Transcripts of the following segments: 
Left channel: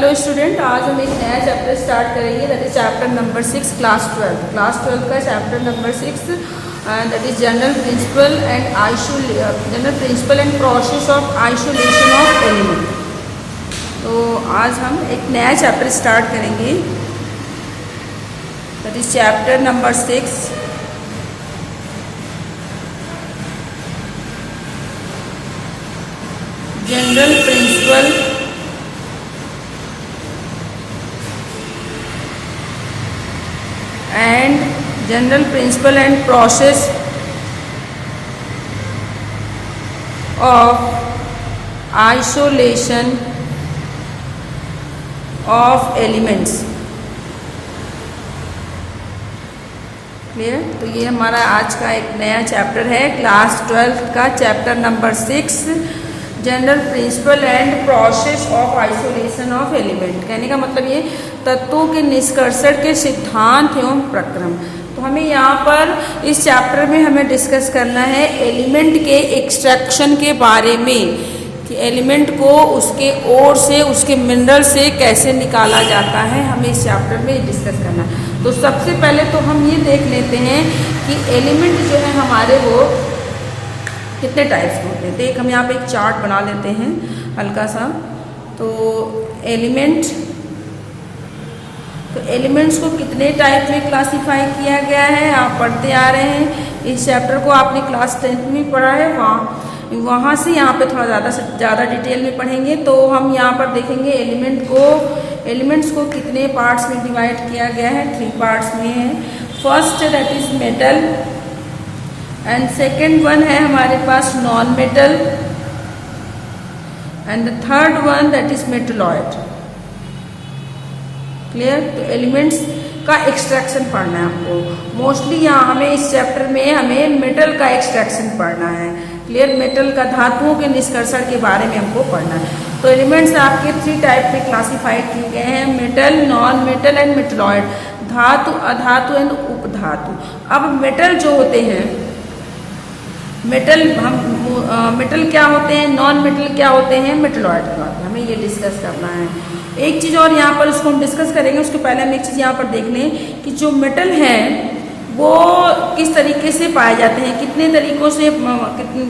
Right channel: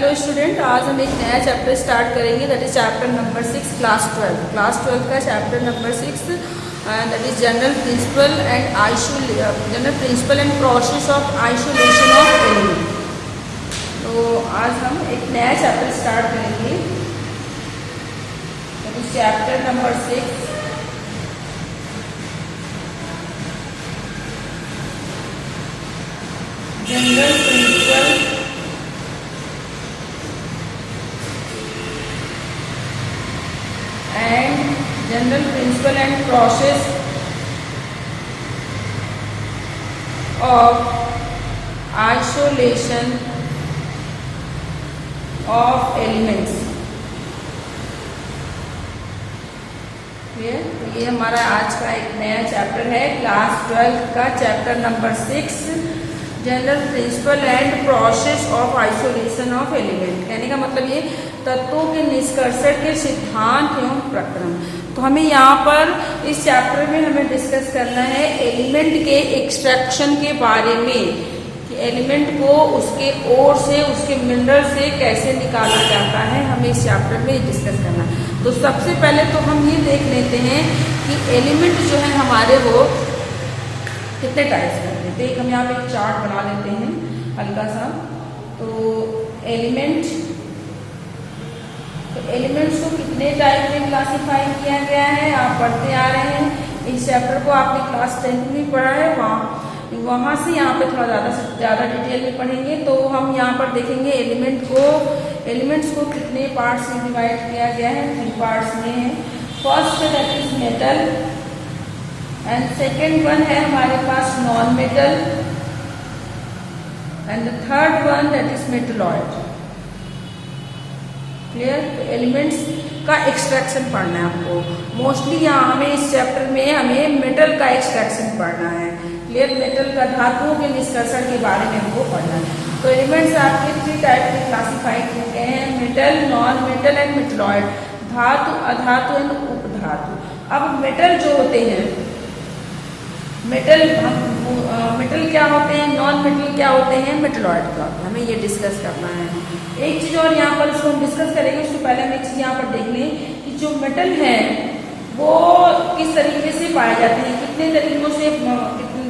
Hello student, आज हम एक नया चैप्टर स्टार्ट करेंगे। That is chapter number 6 class 12 का chapter number 6 that is general principle and process of isolation of element. तो आज हम एक नया चैप्टर स्टार्ट करेंगे। That is chapter number 6 general principle and process of isolation of elements। Clear? तो ये हमारा आज का एक नया चैप्टर है, क्लास 12 का chapter number 6 general principle and process of isolation of element. कहने का मतलब ये तत्वों के निष्कर्षण के सिद्धांत एवं प्रक्रम। तो हमें यहाँ पर इस चैप्टर में हमें डिस्कस करना है एलिमेंट के एक्सट्रैक्शन के बारे में, कि एलिमेंट को उसके ओर से, उसके मिनरल से कैसे निकाला जाता है, हमें इस चैप्टर में डिस्कस करना। तो सबसे पहले तो हम ये देख लेते हैं कि एलिमेंट जो है हमारे वो कितने टाइप्स के होते हैं। तो एक हम यहाँ पे एक चार्ट बना लेते हैं हल्का सा। तो एलिमेंट्स को कितने टाइप में क्लासिफाई किया गया है आप पढ़ते आ रहे हैं। इस चैप्टर को आपने क्लास 10 में पढ़ा है, वहाँ से यहाँ पे थोड़ा ज़्यादा डिटेल में पढ़ेंगे। तो हम यहाँ पर देखेंगे एलिमेंट्स को कितने पार्ट्स में डिवाइड किया गया है। 3 पार्ट्स में है। First that is metal and second one है हमारे पास non metal and the third one that is metalloid. Clear? तो एलिमेंट्स का एक्सट्रैक्शन पढ़ना है आपको। मोस्टली यहाँ हमें इस चैप्टर में हमें मेटल का एक्सट्रैक्शन पढ़ना है। क्लियर? मेटल का धातुओं के निष्कर्षण के बारे में हमको पढ़ना है। तो एलिमेंट्स आपके 3 टाइप में क्लासिफाइड किए गए हैं, metal, non metal and metalloid. धातु, अधातु एंड उपधातु। अब मेटल जो होते हैं, मेटल क्या होते हैं, नॉन मेटल क्या होते हैं, मेटलॉइड क्या होते हैं, हमें ये डिस्कस करना है। एक चीज़ और यहाँ पर इसको हम डिस्कस करेंगे, उसके पहले हम एक चीज़ यहाँ पर देख लें कि जो मेटल है वो किस तरीके से पाए जाते हैं, कितने तरीकों से,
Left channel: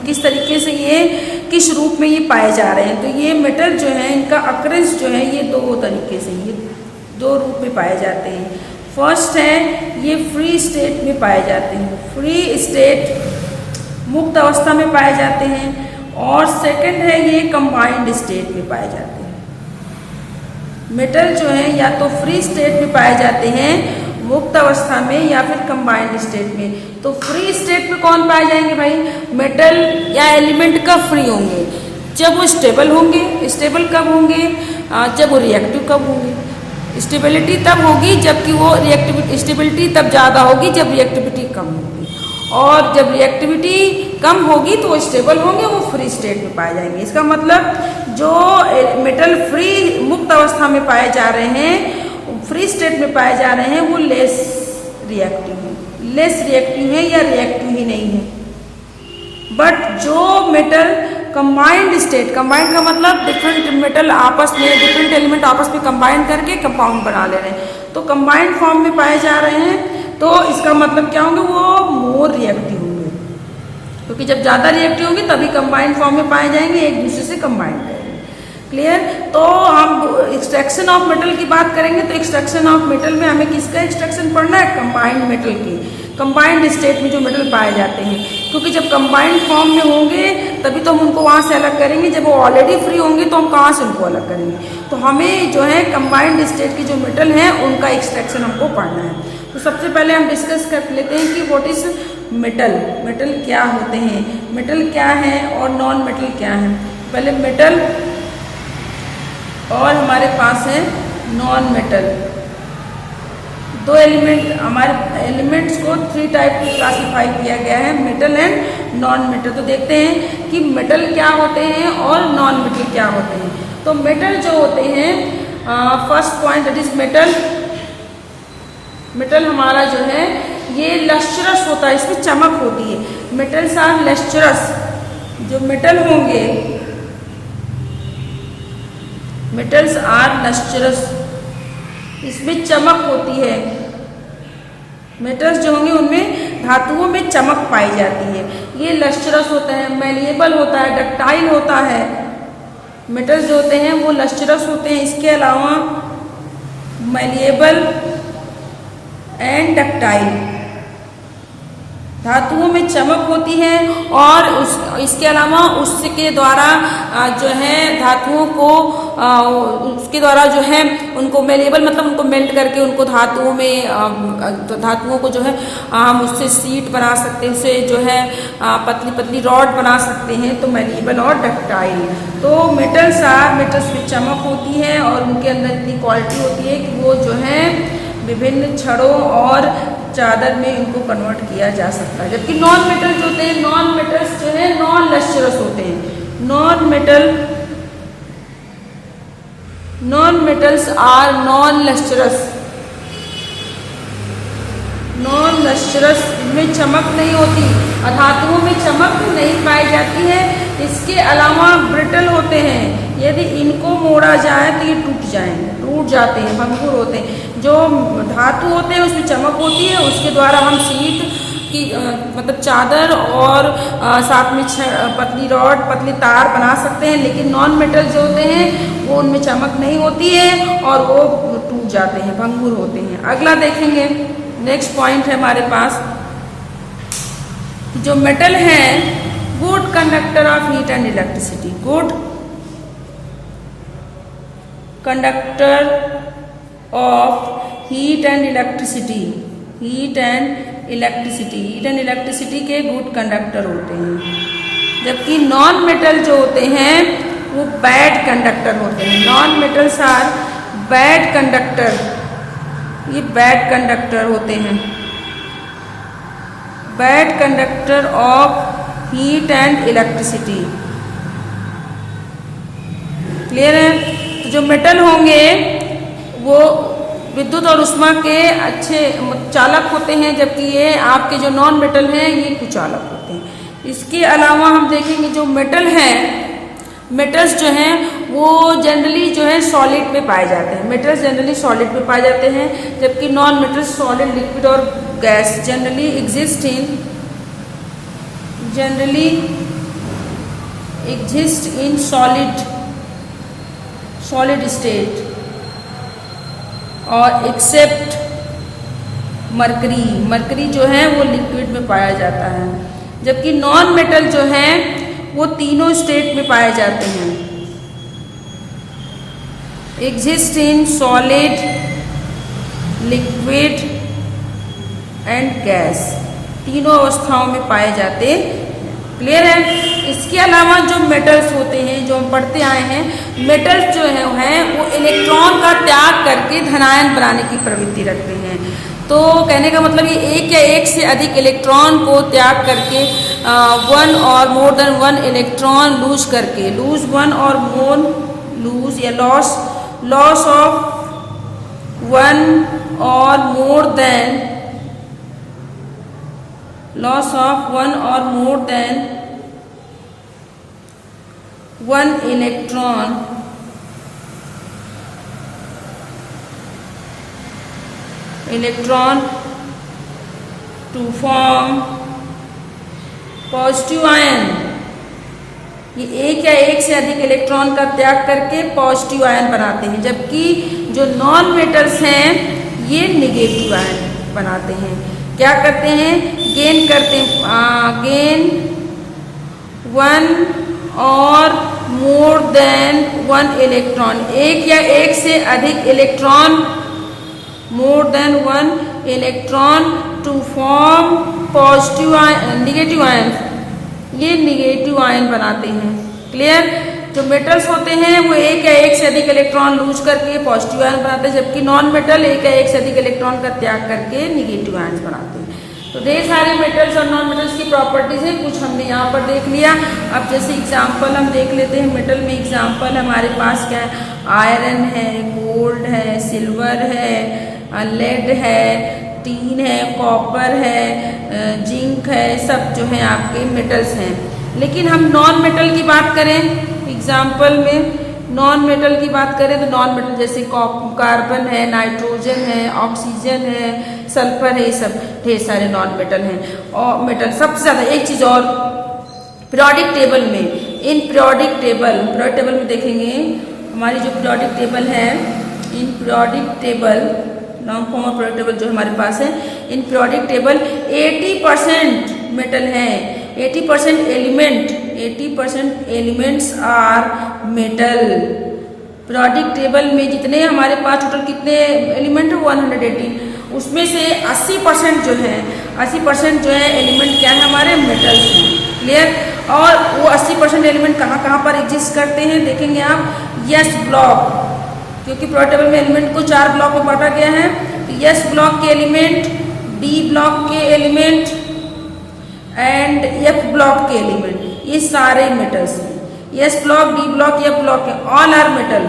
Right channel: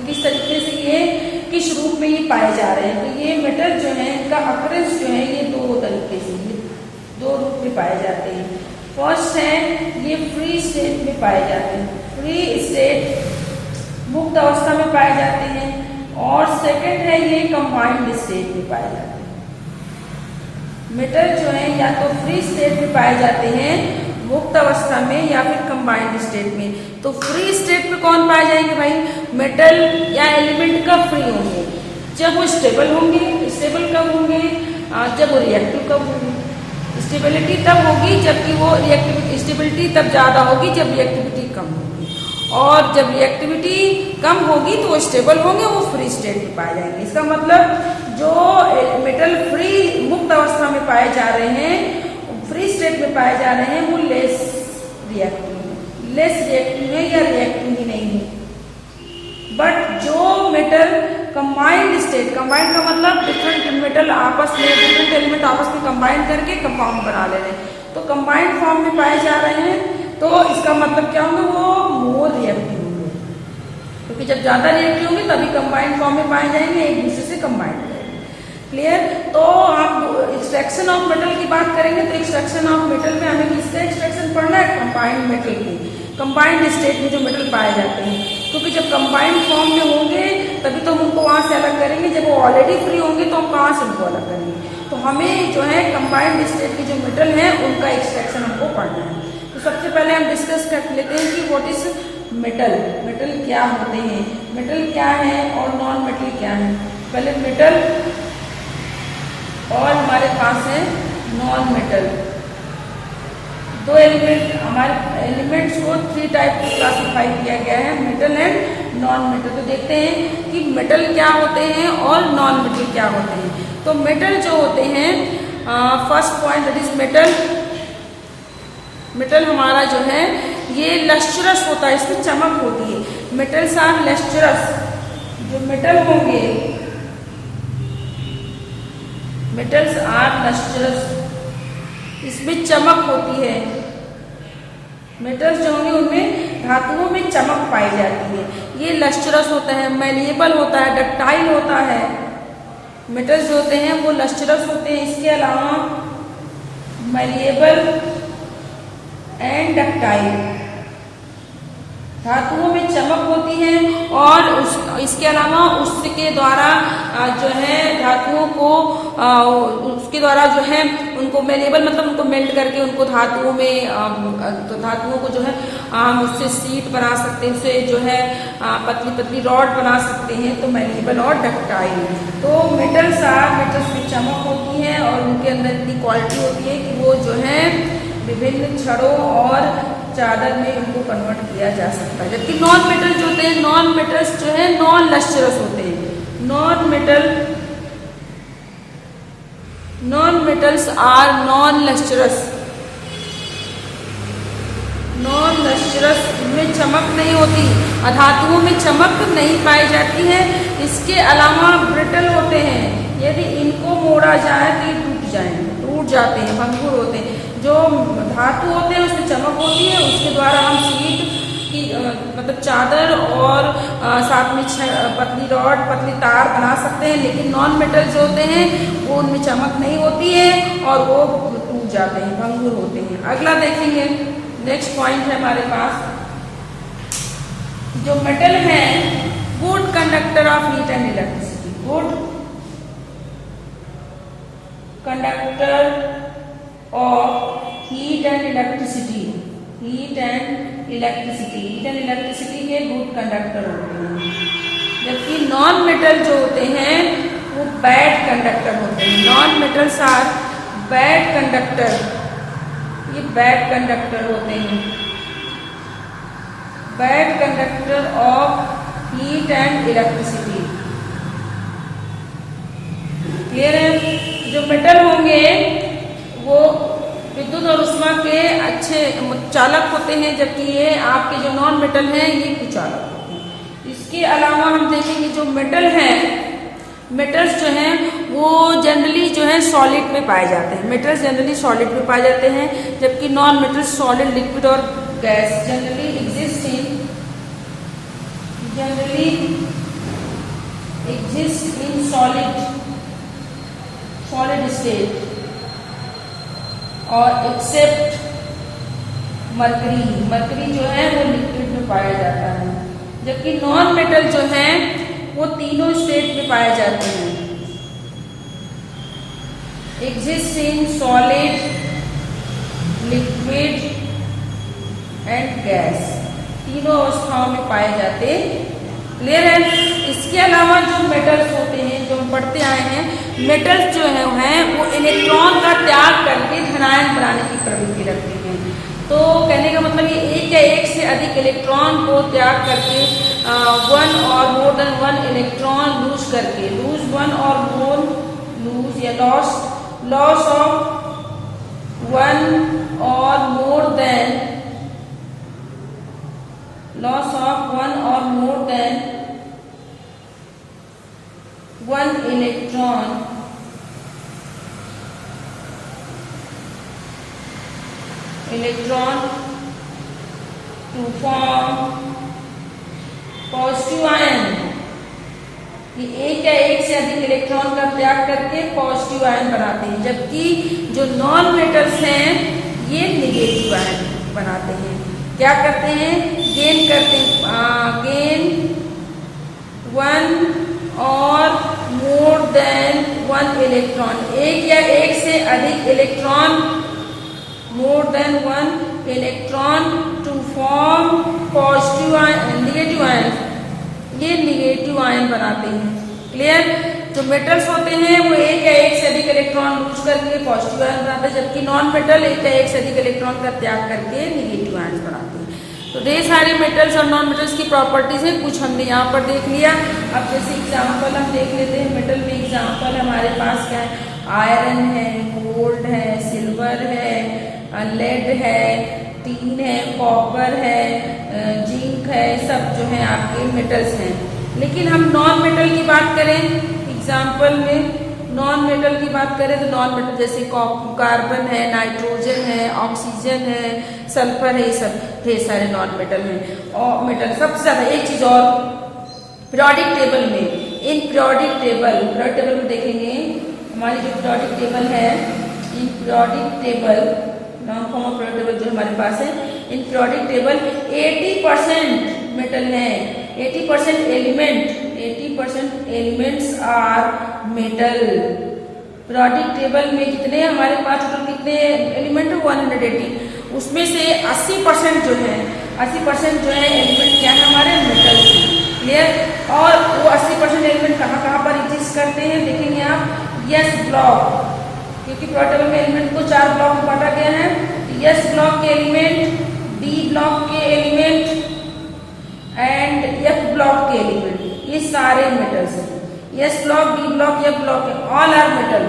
किस तरीके से ये किस रूप में ये पाए जा रहे हैं। तो ये मेटल जो है इनका अक्रेंस जो है ये 2 तरीके से, ये 2 रूप में पाए जाते हैं। फर्स्ट है ये फ्री स्टेट में पाए जाते हैं, फ्री स्टेट मुक्त अवस्था में पाए जाते हैं, और सेकंड है ये कंबाइंड स्टेट में पाए जाते हैं। मेटल जो है या तो फ्री स्टेट में पाए जाते हैं मुक्त अवस्था में, या फिर कंबाइंड स्टेट में। तो फ्री स्टेट में कौन पाए जाएंगे भाई? मेटल या एलिमेंट कब फ्री होंगे? जब वो स्टेबल होंगे। स्टेबल कब होंगे? जब वो रिएक्टिव कब होंगे? स्टेबिलिटी तब होगी जबकि वो रिएक्टिविटी, स्टेबिलिटी तब ज़्यादा होगी जब रिएक्टिविटी कम होगी, और जब रिएक्टिविटी कम होगी तो वो स्टेबल होंगे, वो फ्री स्टेट में पाए जाएंगे। इसका मतलब जो मेटल फ्री मुक्त अवस्था में पाए जा रहे हैं, फ्री स्टेट में पाए जा रहे हैं, वो लेस रिएक्टिव है या रिएक्टिव ही नहीं है। बट जो मेटल कंबाइंड स्टेट, कंबाइंड का मतलब डिफरेंट मेटल आपस में, डिफरेंट एलिमेंट आपस में कंबाइन करके कंपाउंड बना ले रहे हैं, तो कंबाइंड फॉर्म में पाए जा रहे हैं। तो इसका मतलब क्या होंगे? वो मोर रिएक्टिव होंगे, क्योंकि जब ज़्यादा रिएक्टिव होंगे तभी कंबाइंड फॉर्म में पाए जाएंगे, एक दूसरे से कंबाइन करेंगे। क्लियर? तो हम एक्सट्रैक्शन ऑफ मेटल की बात करेंगे। तो एक्सट्रैक्शन ऑफ मेटल में हमें किसका एक्सट्रैक्शन पढ़ना है? कंबाइंड मेटल की, कंबाइंड स्टेट में जो मेटल पाए जाते हैं, क्योंकि जब कंबाइंड फॉर्म में होंगे तभी तो हम उनको वहाँ से अलग करेंगे। जब वो ऑलरेडी फ्री होंगे तो हम कहाँ से उनको अलग करेंगे? तो हमें जो है कंबाइंड स्टेट के जो मेटल हैं उनका एक्सट्रैक्शन हमको पढ़ना है। तो सबसे पहले हम डिस्कस कर लेते हैं कि व्हाट इज मेटल, मेटल क्या होते हैं, मेटल क्या है और नॉन मेटल क्या है। पहले मेटल और हमारे पास है नॉन मेटल। 2 एलिमेंट, हमारे एलिमेंट्स को 3 टाइप में क्लासिफाई किया गया है, मेटल एंड नॉन मेटल। तो देखते हैं कि मेटल क्या होते हैं और नॉन मेटल क्या होते हैं। तो मेटल जो होते हैं, first point that is metal. Metal हमारा जो है ये लस्ट्रस होता है, इसमें चमक होती है। Metals are lustrous. जो मेटल होंगे, मेटल्स आर लस्ट्रस, इसमें चमक होती है। मेटल्स जो होंगे उनमें धातुओं में चमक पाई जाती है। ये लस्ट्रस होता है, मैलिएबल होता है, डक्टाइल होता है। मेटल्स जो होते हैं वो लस्ट्रस होते हैं। इसके अलावा मैलिएबल एंड डक्टाइल, धातुओं में चमक होती है और इसके अलावा उसके द्वारा जो है धातुओं को उसके द्वारा जो है उनको मेलेबल मतलब उनको मेल्ट करके उनको धातुओं में तो धातुओं को जो है हम उससे सीट बना सकते हैं, उससे जो है पतली पतली रॉड बना सकते हैं। तो मेलेबल और डक्टाइल, तो मेटल्स में चमक होती है और उनके अंदर इतनी क्वालिटी होती है कि वो जो है विभिन्न छड़ों और चादर में इनको कन्वर्ट किया जा सकता है। जबकि नॉन मेटल जो होते हैं, नॉन मेटल्स जो है नॉन लस्ट्रस होते हैं। Non metals are non lustrous, इनमें चमक नहीं होती, धातुओं में चमक नहीं पाई जाती है। इसके अलावा ब्रिटल होते हैं, यदि इनको मोड़ा जाए तो ये टूट जाते हैं, भंगुर होते हैं। जो धातु होते हैं उसमें चमक होती है, उसके द्वारा हम सीट की मतलब चादर और साथ में पतली रॉड पतली तार बना सकते हैं। लेकिन नॉन मेटल जो होते हैं वो उनमें चमक नहीं होती है और वो टूट जाते हैं, भंगुर होते हैं। अगला देखेंगे, नेक्स्ट पॉइंट है हमारे पास, जो मेटल है good conductor of heat and electricity, good conductor of heat and electricity के गुड कंडक्टर होते हैं। जबकि नॉन मेटल जो होते हैं वो बैड कंडक्टर होते हैं। Non metals are bad conductor, ये बैड कंडक्टर होते हैं, bad conductor of heat and electricity. Clear है? जो मेटल होंगे वो विद्युत और ऊष्मा के अच्छे चालक होते हैं, जबकि ये आपके जो नॉन मेटल हैं ये कुचालक होते हैं। इसके अलावा हम देखेंगे जो मेटल हैं, मेटल्स जो हैं वो जनरली जो है सॉलिड में पाए जाते हैं। मेटल्स जनरली सॉलिड में पाए जाते हैं, जबकि नॉन मेटल्स सॉलिड, लिक्विड और gas generally exist in solid state और एक्सेप्ट मरकरी जो है वो लिक्विड में पाया जाता है। जबकि नॉन मेटल जो है वो तीनों स्टेट में पाए जाते हैं, exist in solid, liquid and gas, तीनों अवस्थाओं में पाए जाते। क्लियर है? इसके अलावा जो मेटल्स होते हैं जो हम पढ़ते आए हैं, मेटल्स जो हैं वो इलेक्ट्रॉन का त्याग करके धनायन बनाने की प्रवृत्ति रखते हैं। तो कहने का मतलब ये एक या एक से अधिक इलेक्ट्रॉन को त्याग करके one or more than one electron lose करके, लूज या loss of one or more than one electron to form positive ion. ये एक या एक से अधिक इलेक्ट्रॉन का त्याग करके पॉजिटिव आयन बनाते हैं, जबकि जो नॉन मेटल्स हैं ये नेगेटिव आयन बनाते हैं। क्या करते हैं? Gain one or more than one electron, एक या एक से अधिक electron, more than one electron to form positive ion, negative ion, ये निगेटिव आयन बनाते हैं। क्लियर? जो मेटल्स होते हैं वो एक या एक से अधिक इलेक्ट्रॉन लूज करके पॉजिटिव आयन बनाते हैं, जबकि नॉन मेटल एक या एक से अधिक इलेक्ट्रॉन का त्याग करके निगेटिव आयन बनाते हैं। तो ढेर सारे मेटल्स और नॉन मेटल्स की प्रॉपर्टीज है, कुछ हमने यहाँ पर देख लिया। अब जैसे एग्जांपल हम देख लेते हैं, मेटल में एग्जांपल हमारे पास क्या है? आयरन है, गोल्ड है, सिल्वर है, लेड है, टीन है, कॉपर है, जिंक है, सब जो है आपके मेटल्स हैं। लेकिन हम नॉन मेटल की बात करें एग्जाम्पल में, नॉन मेटल की बात करें तो नॉन मेटल जैसे कार्बन है, नाइट्रोजन है, ऑक्सीजन है, सल्फर है, ये सब ढेर सारे नॉन मेटल हैं। और मेटल सबसे ज्यादा एक चीज और, पीरियोडिक टेबल में, इन पीरियोडिक टेबल में देखेंगे हमारी जो पीरियोडिक टेबल है, in periodic table long form of periodic table जो हमारे पास है, इन पीरियोडिक टेबल 80% मेटल है, 80% element, 80% elements are metal. Periodic table में जितने हमारे पास टोटल कितने एलिमेंट है 180, उसमें से 80% जो है, 80% जो है एलिमेंट क्या है हमारे मेटल्स हैं। क्लियर? और वो 80% एलिमेंट कहाँ कहाँ पर एग्जिस्ट करते हैं देखेंगे आप। यस ब्लॉक, क्योंकि पीरियोडिक टेबल में एलिमेंट को 4 ब्लॉक में बांटा गया है, तो यस ब्लॉक के एलिमेंट, डी ब्लॉक के एलिमेंट एंड एफ ब्लॉक के एलिमेंट, ये सारे मेटल्स हैं। S block, D block, F block है, all are metal,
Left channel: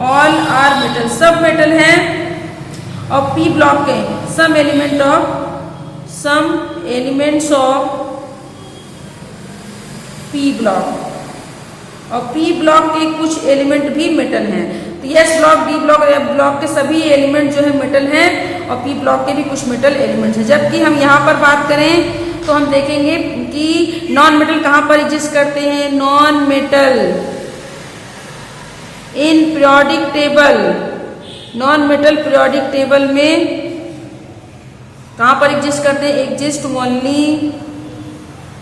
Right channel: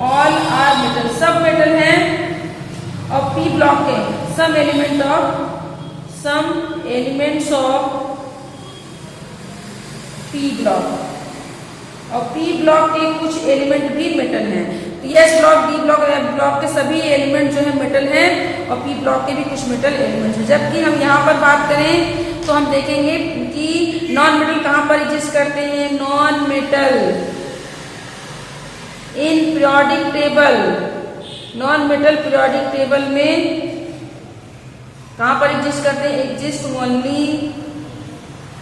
all are metal, सब मेटल हैं। और पी ब्लॉक के some elements of P block, और पी ब्लॉक के कुछ एलिमेंट भी मेटल हैं। तो S block, D block, F block के सभी एलिमेंट जो है मेटल हैं, और पी ब्लॉक के भी कुछ मेटल एलिमेंट्स हैं। जबकि हम यहाँ पर बात करें तो हम देखेंगे कि नॉन मेटल कहाँ पर एग्जिस्ट करते हैं। Non metal in periodic table, non metal periodic table में कहाँ पर एग्जिस्ट करते हैं, exist only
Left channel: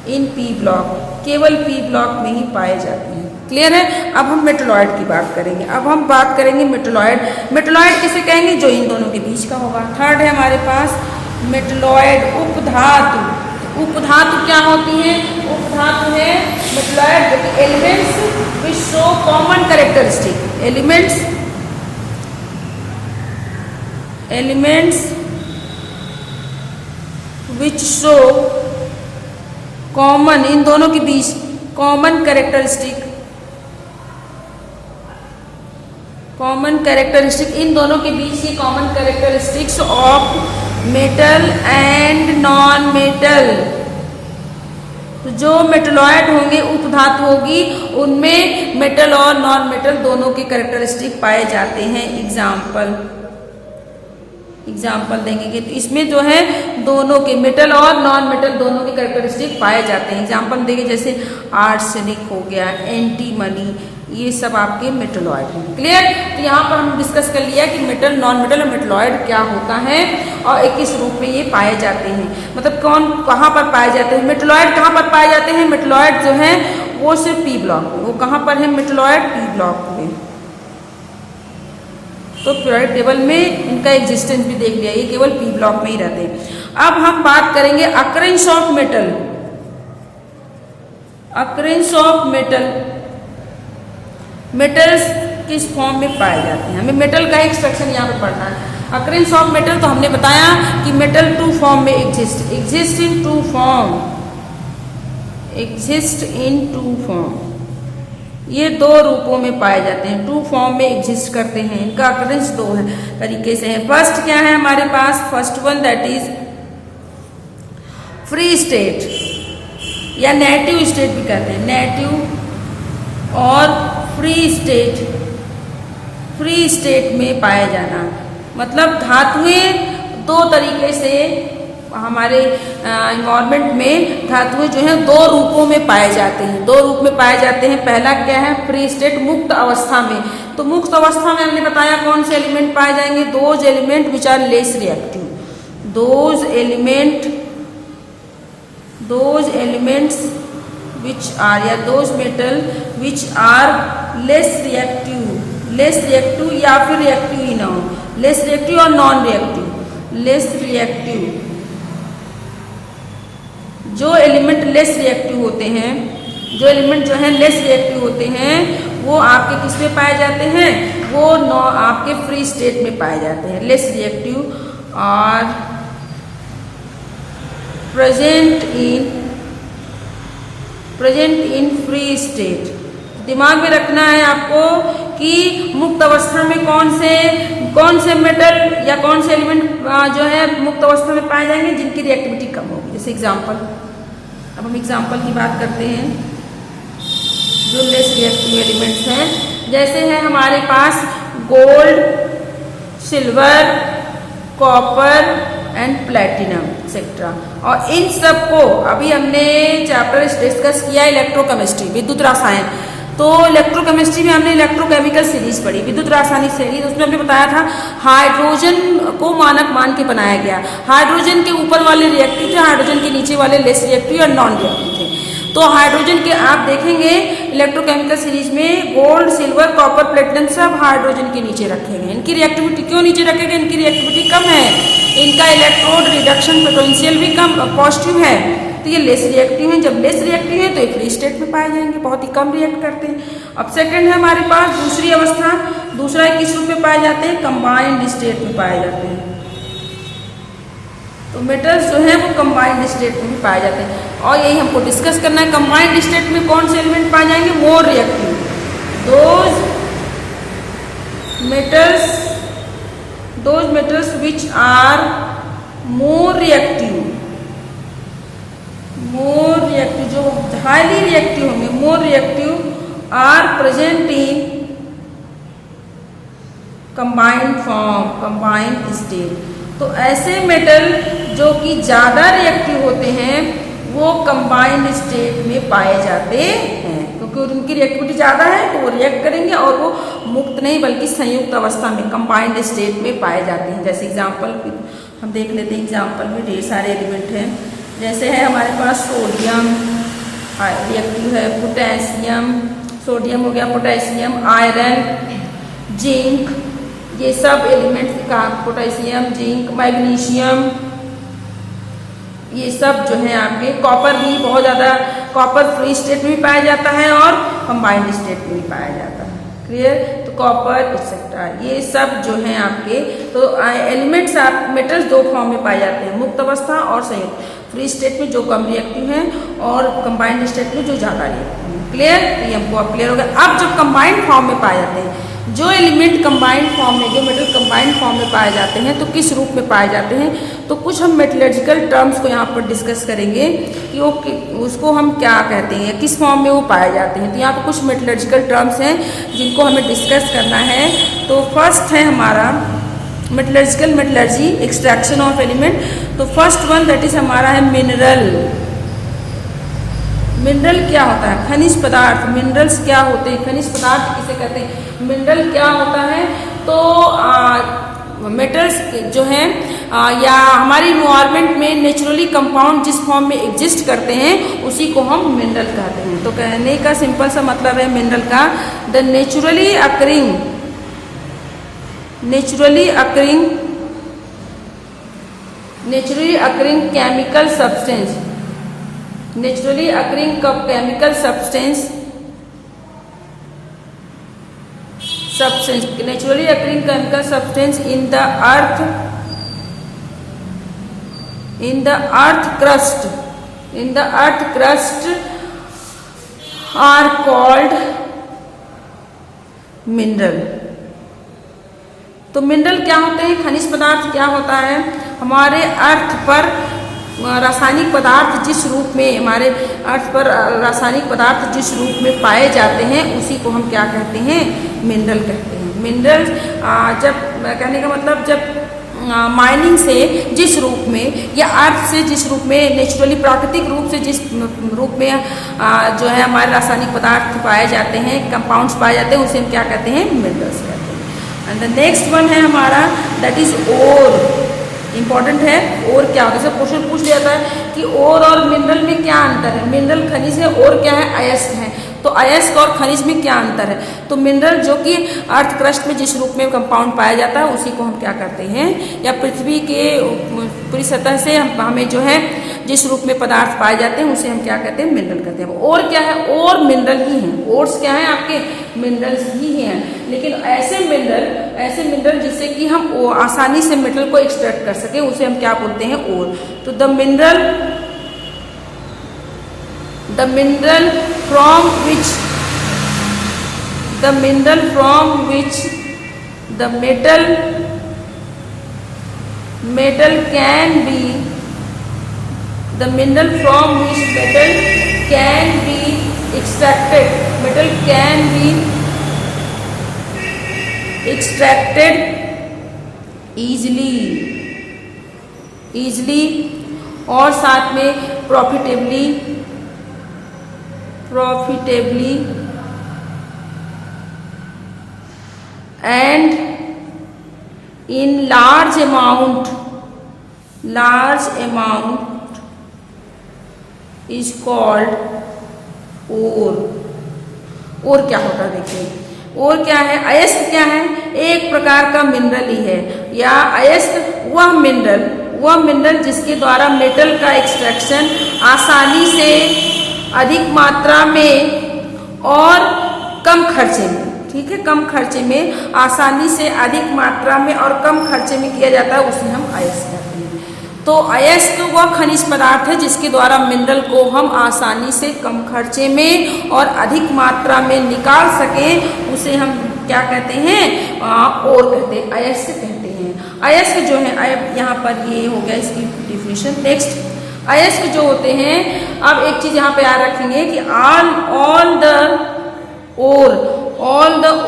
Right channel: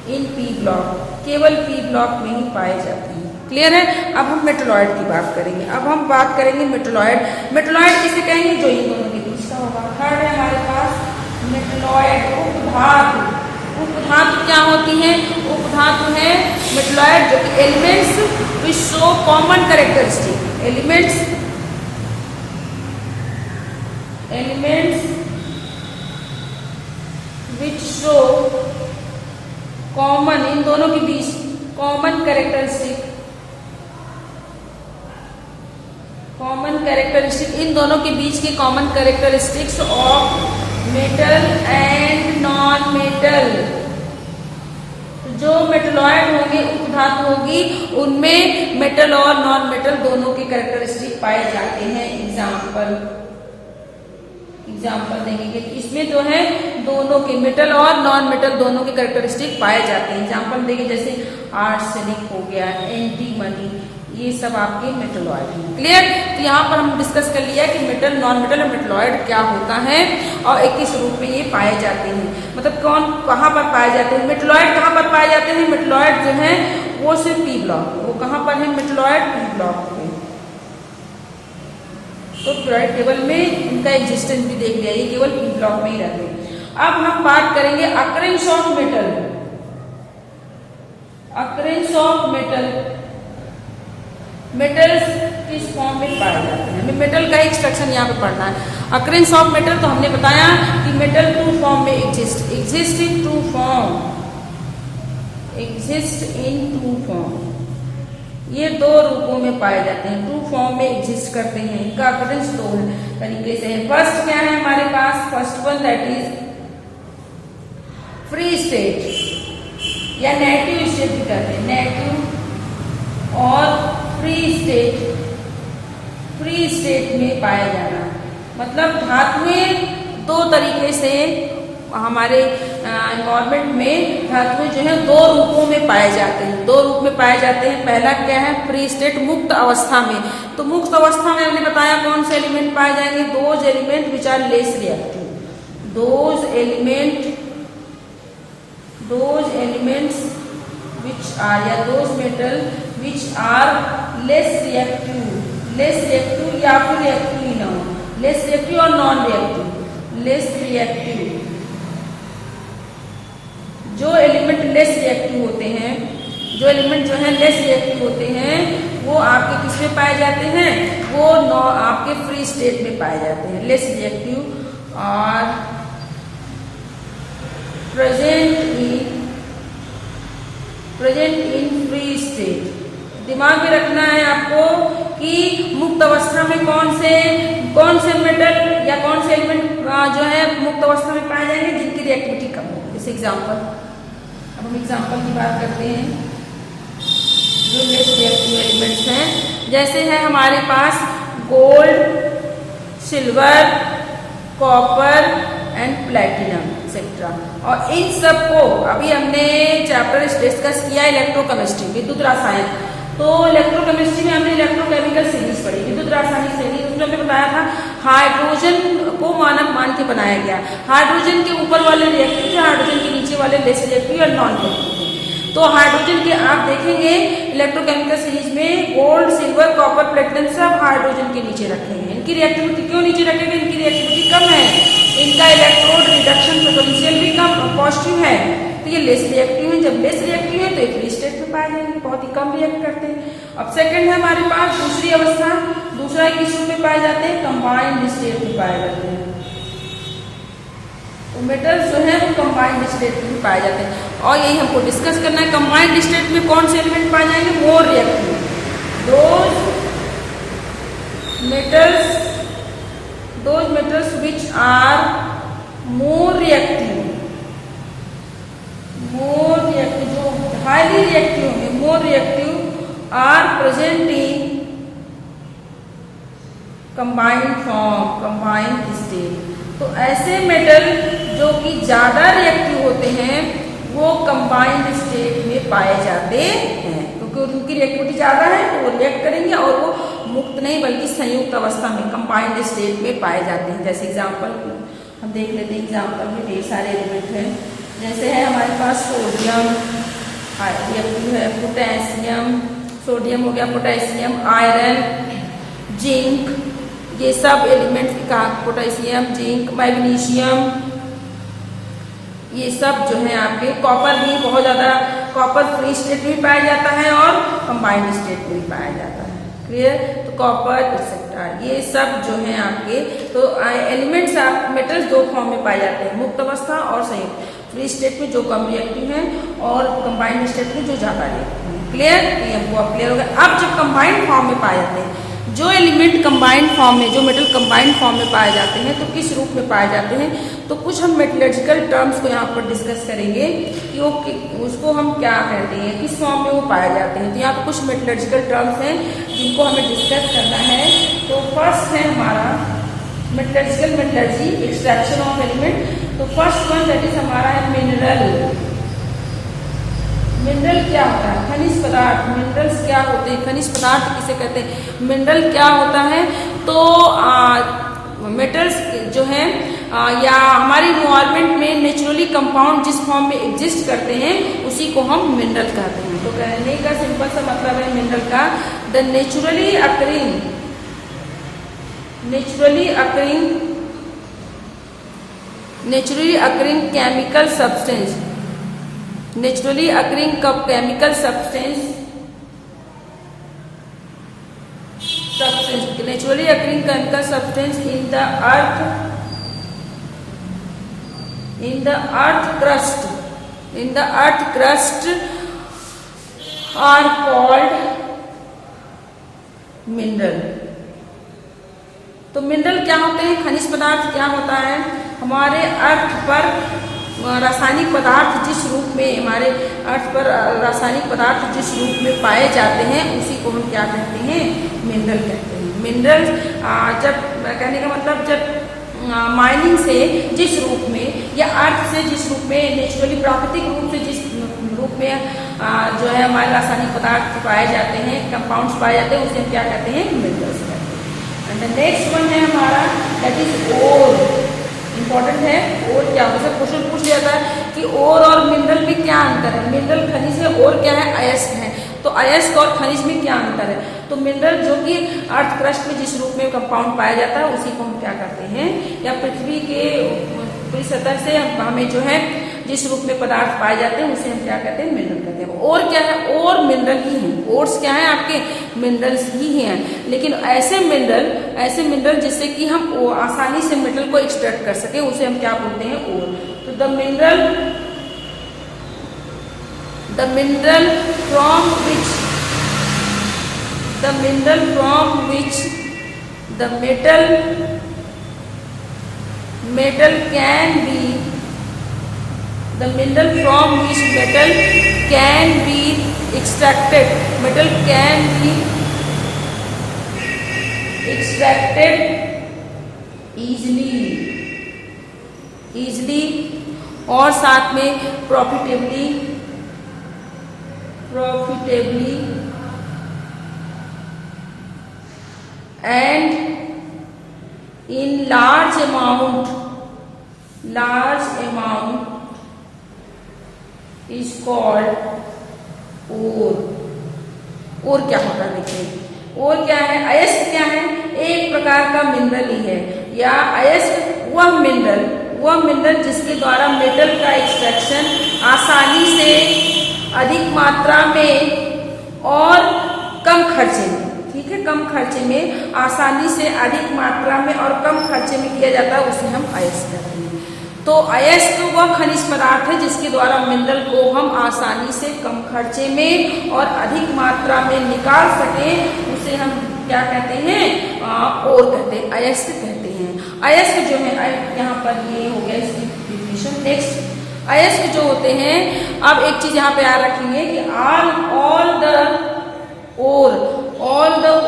in P block, केवल पी ब्लॉक में ही पाए जाते हैं। क्लियर है? अब हम मेटलॉइड की बात करेंगे। अब हम बात करेंगे मेटलॉइड। मेटलॉइड किसे कहेंगे, जो इन दोनों के बीच का होगा। थर्ड है हमारे पास मेटलॉइड, उपधातु। उपधातु क्या होती है, उपधातु है मेटलॉइड जो कि elements which show common characteristic, elements which show common, इन दोनों के बीच कॉमन कैरेक्टरिस्टिक, इन दोनों के बीच के common characteristics of metal and non metal. जो मेटलॉइड होंगे, उपधातु होगी, उनमें मेटल और नॉन मेटल दोनों के कैरेक्टरिस्टिक पाए जाते हैं। एग्जाम्पल देंगे तो इसमें जो है दोनों के मेटल और नॉन मेटल दोनों के कैरेक्टरिस्टिक पाए जाते हैं। एग्जाम्पल देंगे जैसे आर्सेनिक हो गया, एंटीमनी, ये सब आपके मेटलॉइड हैं। क्लियर? तो यहाँ पर हम डिस्कस कर लिया कि मेटल, नॉन मेटल और मेटलॉइड क्या होता है और किस रूप में ये पाए जाते हैं, मतलब कौन कहाँ पर पाए जाते हैं। मेटलॉइड कहाँ पर पाए जाते हैं, मेटलॉइड जो है वो सिर्फ पी ब्लॉक में, वो कहाँ पर है मेटलॉइड, पी ब्लॉक में। तो पीरियोडिक टेबल में इनका एग्जिस्टेंस भी देख लिया, ये केवल पी ब्लॉक में ही रहते हैं। अब हम बात करेंगे occurrence of metal. Occurrence of metal, metals किस फॉर्म में पाए जाते हैं, हमें मेटल का एक्सट्रैक्शन यहाँ पे पढ़ना है। अकरेंस ऑफ मेटल, तो हमने बताया कि मेटल 2 फॉर्म में exist in 2 form, exist in 2 form, ये 2 रूपों में पाए जाते हैं, 2 फॉर्म में एग्जिस्ट करते हैं। इनका अकरेंस 2 तरीके से है। फर्स्ट क्या है हमारे पास, first one that is free state या नेटिव स्टेट भी कहते हैं, नेटिव और फ्री स्टेट में पाया जाना। मतलब धातुएं 2 तरीके से हमारे एनवायरमेंट में धातुएं जो है 2 रूपों में पाए जाते हैं, 2 रूप में पाए जाते हैं। पहला क्या है, फ्री स्टेट, मुक्त अवस्था में। तो मुक्त अवस्था में हमने बताया कौन से एलिमेंट पाए जाएंगे, those element which are less reactive, those elements which are, या those metal which are less reactive या फिर रिएक्टिव ही ना हो, लेस रिएक्टिव और नॉन रिएक्टिव। लेस रिएक्टिव, जो एलिमेंट लेस रिएक्टिव होते हैं, जो एलिमेंट जो है लेस रिएक्टिव होते हैं, वो आपके किस में पाए जाते हैं, वो आपके फ्री स्टेट में पाए जाते हैं। लेस रिएक्टिव और प्रेजेंट इन फ्री स्टेट। दिमाग में रखना है आपको कि मुक्त अवस्था में कौन से मेटल या कौन से एलिमेंट जो है मुक्त अवस्था में पाए जाएंगे जिनकी रिएक्टिविटी कम होगी। जैसे एग्जाम्पल, अब हम एग्जाम्पल की बात करते हैं। जो लेस रिएक्टिव एलिमेंट्स हैं, जैसे है हमारे पास gold, silver, copper and platinum etcetera. और इन सब को अभी हमने चैप्टर डिस्कस किया इलेक्ट्रोकेमिस्ट्री, विद्युत रसायन। तो इलेक्ट्रोकेमिस्ट्री में हमने इलेक्ट्रोकेमिकल सीरीज पढ़ी, विद्युत रासायनिक सीरीज। उसमें हमने बताया था हाइड्रोजन को मानक मान के बनाया गया। हाइड्रोजन के ऊपर वाले रिएक्टिव थे, हाइड्रोजन के नीचे वाले लेस रिएक्टिव और नॉन रिएक्टिव थे। तो हाइड्रोजन के आप देखेंगे इलेक्ट्रोकेमिकल सीरीज में गोल्ड, सिल्वर, कॉपर, प्लेटिनम सब हाइड्रोजन के नीचे रखे गए। इनकी रिएक्टिविटी क्यों नीचे रखे गए? इनकी रिएक्टिविटी कम है, इनका इलेक्ट्रोड रिडक्शन पोटेंशियल भी कम पॉजिटिव है, तो ये लेस रिएक्टिव है। जब लेस रिएक्टिव है तो ये फ्री स्टेट में पाए जाएंगे, बहुत ही कम रिएक्ट करते हैं। अब सेकंड है हमारे पास दूसरी अवस्था, दूसरा किस रूप में पाए जाते हैं? कंबाइंड स्टेट में पाए जाते हैं। तो मेटल्स जो है वो कंबाइंड स्टेट में पाए जाते हैं, और यही हमको डिस्कस करना है। कंबाइंड स्टेट में कौन से एलिमेंट पाए जाएंगे? More reactive, those metals which are more reactive, जो हाईली रिएक्टिव होंगे, more reactive are present in combined form, combined state. तो ऐसे मेटल जो कि ज्यादा रिएक्टिव होते हैं वो कंबाइंड स्टेट में पाए जाते हैं, क्योंकि उनकी रिएक्टिविटी ज्यादा है तो वो रिएक्ट करेंगे और वो मुक्त नहीं बल्कि संयुक्त अवस्था में कंबाइंड स्टेट में पाए जाते हैं। जैसे एग्जाम्पल हम देख लेते हैं, एग्जाम्पल में ढेर सारे एलिमेंट हैं। जैसे है हमारे पास सोडियम रिएक्टिव है, पोटेशियम, सोडियम हो गया, पोटेशियम, आयरन, जिंक, ये सब एलिमेंट्स का, पोटेशियम, जिंक, मैग्नीशियम, ये सब जो है आपके, कॉपर भी बहुत ज्यादा, कॉपर फ्री स्टेट में पाया जाता है और कंबाइंड स्टेट में भी पाया जाता है। क्लियर? तो कॉपर एक्सेट्रा ये सब जो है आपके, तो एलिमेंट्स आप मेटल्स दो फॉर्म में पाए जाते हैं, मुक्त अवस्था और संयुक्त। फ्री स्टेट में जो कम रिएक्टिव है और कंबाइंड स्टेट में जो ज्यादा रिएक्टिव है। क्लियर? ये हमको क्लियर हो गया। अब जो कंबाइंड फॉर्म में पाए जाते हैं, जो एलिमेंट कंबाइंड फॉर्म में, जो मेटल कंबाइंड फॉर्म में पाए जाते हैं, तो किस रूप में पाए जाते हैं? तो कुछ हम मेटलर्जिकल टर्म्स को यहाँ पर डिस्कस करेंगे कि वो उसको हम क्या कहते हैं, किस फॉर्म में वो पाए जाते हैं। तो यहाँ पर कुछ मेटलर्जिकल टर्म्स हैं जिनको हमें डिस्कस करना है। तो फर्स्ट है हमारा मेटलर्जी, एक्सट्रैक्शन ऑफ एलिमेंट। तो फर्स्ट वन दैट इज हमारा है मिनरल। मिनरल क्या होता है? खनिज पदार्थ। मिनरल्स क्या होते हैं? खनिज पदार्थ किसे कहते हैं? मिनरल क्या होता है? तो मेटल्स जो हैं या हमारी इन्वायरमेंट में नेचुरली कंपाउंड जिस फॉर्म में एग्जिस्ट करते हैं उसी को हम मिनरल कहते हैं। तो कहने का सिंपल सा मतलब है मिनरल का, the naturally occurring chemical substance, naturally occurring chemical substance, naturally occurring chemical substance in the earth crust are called mineral। तो मिनरल क्या होते हैं? खनिज पदार्थ क्या होता है? हमारे अर्थ पर रासायनिक पदार्थ जिस रूप में, हमारे अर्थ पर रासायनिक पदार्थ जिस रूप में पाए जाते हैं उसी को हम क्या कहते हैं? मिनरल कहते हैं। मिनरल जब कहने का मतलब जब माइनिंग से जिस रूप में या अर्थ से जिस रूप में, नेचुरली प्राकृतिक रूप से जिस रूप में जो है हमारे रासायनिक पदार्थ पाए जाते हैं, कंपाउंड्स पाए जाते हैं, उसे हम क्या कहते हैं? मिनरल्स कहते हैं। एंड द नेक्स्ट वन है हमारा दैट इज ओर। इंपॉर्टेंट है, और क्या होता है? सब क्वेश्चन पूछ लिया था कि और मिनरल में क्या अंतर है? मिनरल खनिज है, और क्या है? अयस्क है। तो अयस्क और खनिज में क्या अंतर है? तो मिनरल जो कि अर्थ क्रस्ट में जिस रूप में कंपाउंड पाया जाता है उसी को हम क्या करते हैं, या पृथ्वी के पूरी सतह से हमें जो है जिस रूप में पदार्थ पाए जाते हैं उसे हम क्या कहते हैं? मिनरल कहते हैं। और क्या है? और मिनरल ही है। ओर्स क्या है आपके? मिनरल्स ही हैं। लेकिन ऐसे मिनरल जिससे कि हम आसानी से मेटल को एक्सट्रैक्ट कर सके उसे हम क्या बोलते हैं? ओर। तो the mineral from which the metal can be extracted, metal can be extracted easily और साथ में profitably and in large amount is called ore. और क्या होता है देखिए, और क्या है, अयस्क क्या है, एक प्रकार का मिनरल ही है, या अयस्क वह मिनरल जिसके द्वारा मेटल का एक्सट्रैक्शन आसानी से अधिक मात्रा में और कम खर्चे में, ठीक है, कम खर्चे में, आसानी से अधिक मात्रा में और कम खर्चे में किया जाता है, उसे हम अयस्क कहते हैं। तो अयस्क वह खनिज पदार्थ है जिसके द्वारा मिनरल को हम आसानी से कम खर्चे में और अधिक मात्रा में निकाल सकें, उसे हम क्या कहते हैं, और कहते हैं, अयस्क कहते हैं। अयस्क जो है, यहाँ पर ये हो गया इसकी डिफिनेशन। नेक्स्ट, अयस्क जो होते हैं, अब एक चीज यहाँ पे याद रखेंगे कि all the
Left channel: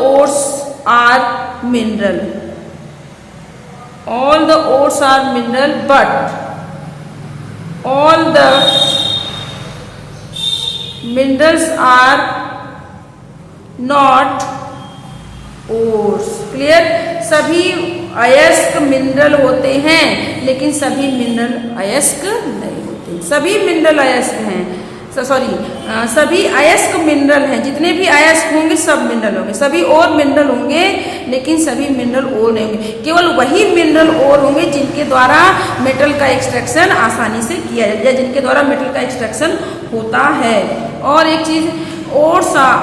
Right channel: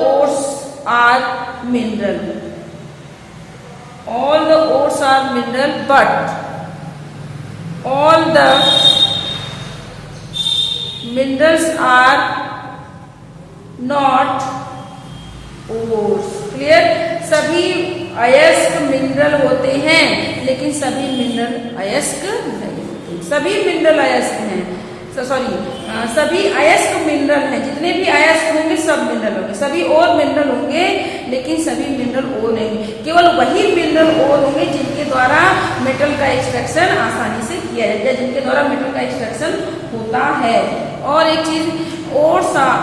ores are mineral. All the ores are mineral, but all the minerals are not ores. Clear? सभी अयस्क मिनरल होते हैं, लेकिन सभी मिनरल अयस्क नहीं होते। सभी मिनरल अयस्क हैं, सभी अयस्क मिनरल हैं, जितने भी अयस्क होंगे सब मिनरल होंगे, सभी और मिनरल होंगे, लेकिन सभी मिनरल और नहीं होंगे। केवल वही मिनरल और होंगे जिनके द्वारा मेटल का एक्सट्रैक्शन आसानी से किया जाए, या जिनके द्वारा मेटल का एक्सट्रैक्शन होता है। और एक चीज, ores are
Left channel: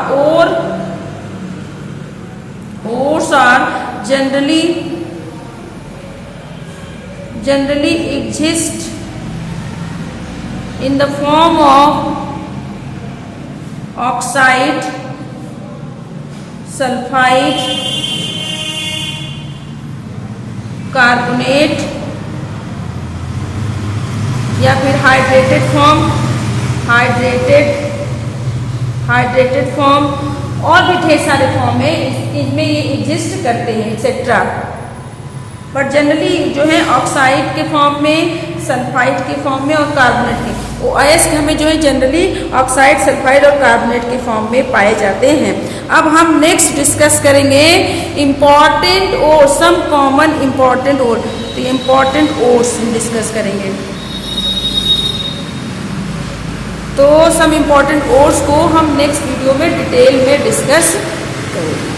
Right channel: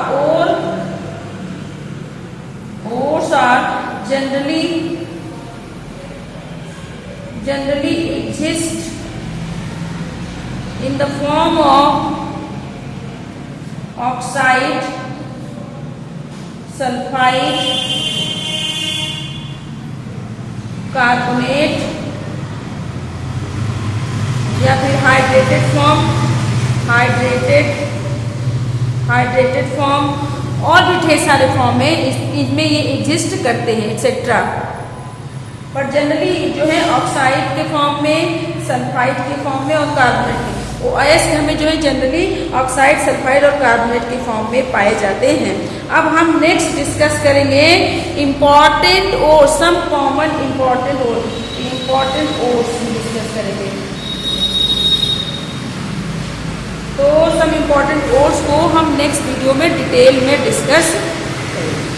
generally exist in the form of oxide, sulfide, carbonate या फिर हाइड्रेटेड फॉर्म और भी ढेर सारे फॉर्म है, इसमें ये एग्जिस्ट करते हैं एक्सेट्रा। बट जनरली जो है ऑक्साइड के फॉर्म में, सल्फाइड के फॉर्म में और कार्बोनेट के, वो अयस्क हमें जो है जनरली ऑक्साइड, सल्फाइड और कार्बोनेट के फॉर्म में पाए जाते हैं। अब हम नेक्स्ट डिस्कस करेंगे इम्पॉर्टेंट ओर, सम कॉमन इम्पॉर्टेंट ओर, तो इम्पॉर्टेंट ओर्स डिस्कस करेंगे। तो सम इम्पॉर्टेंट ओर्स को हम नेक्स्ट वीडियो में डिटेल में डिस्कस करेंगे।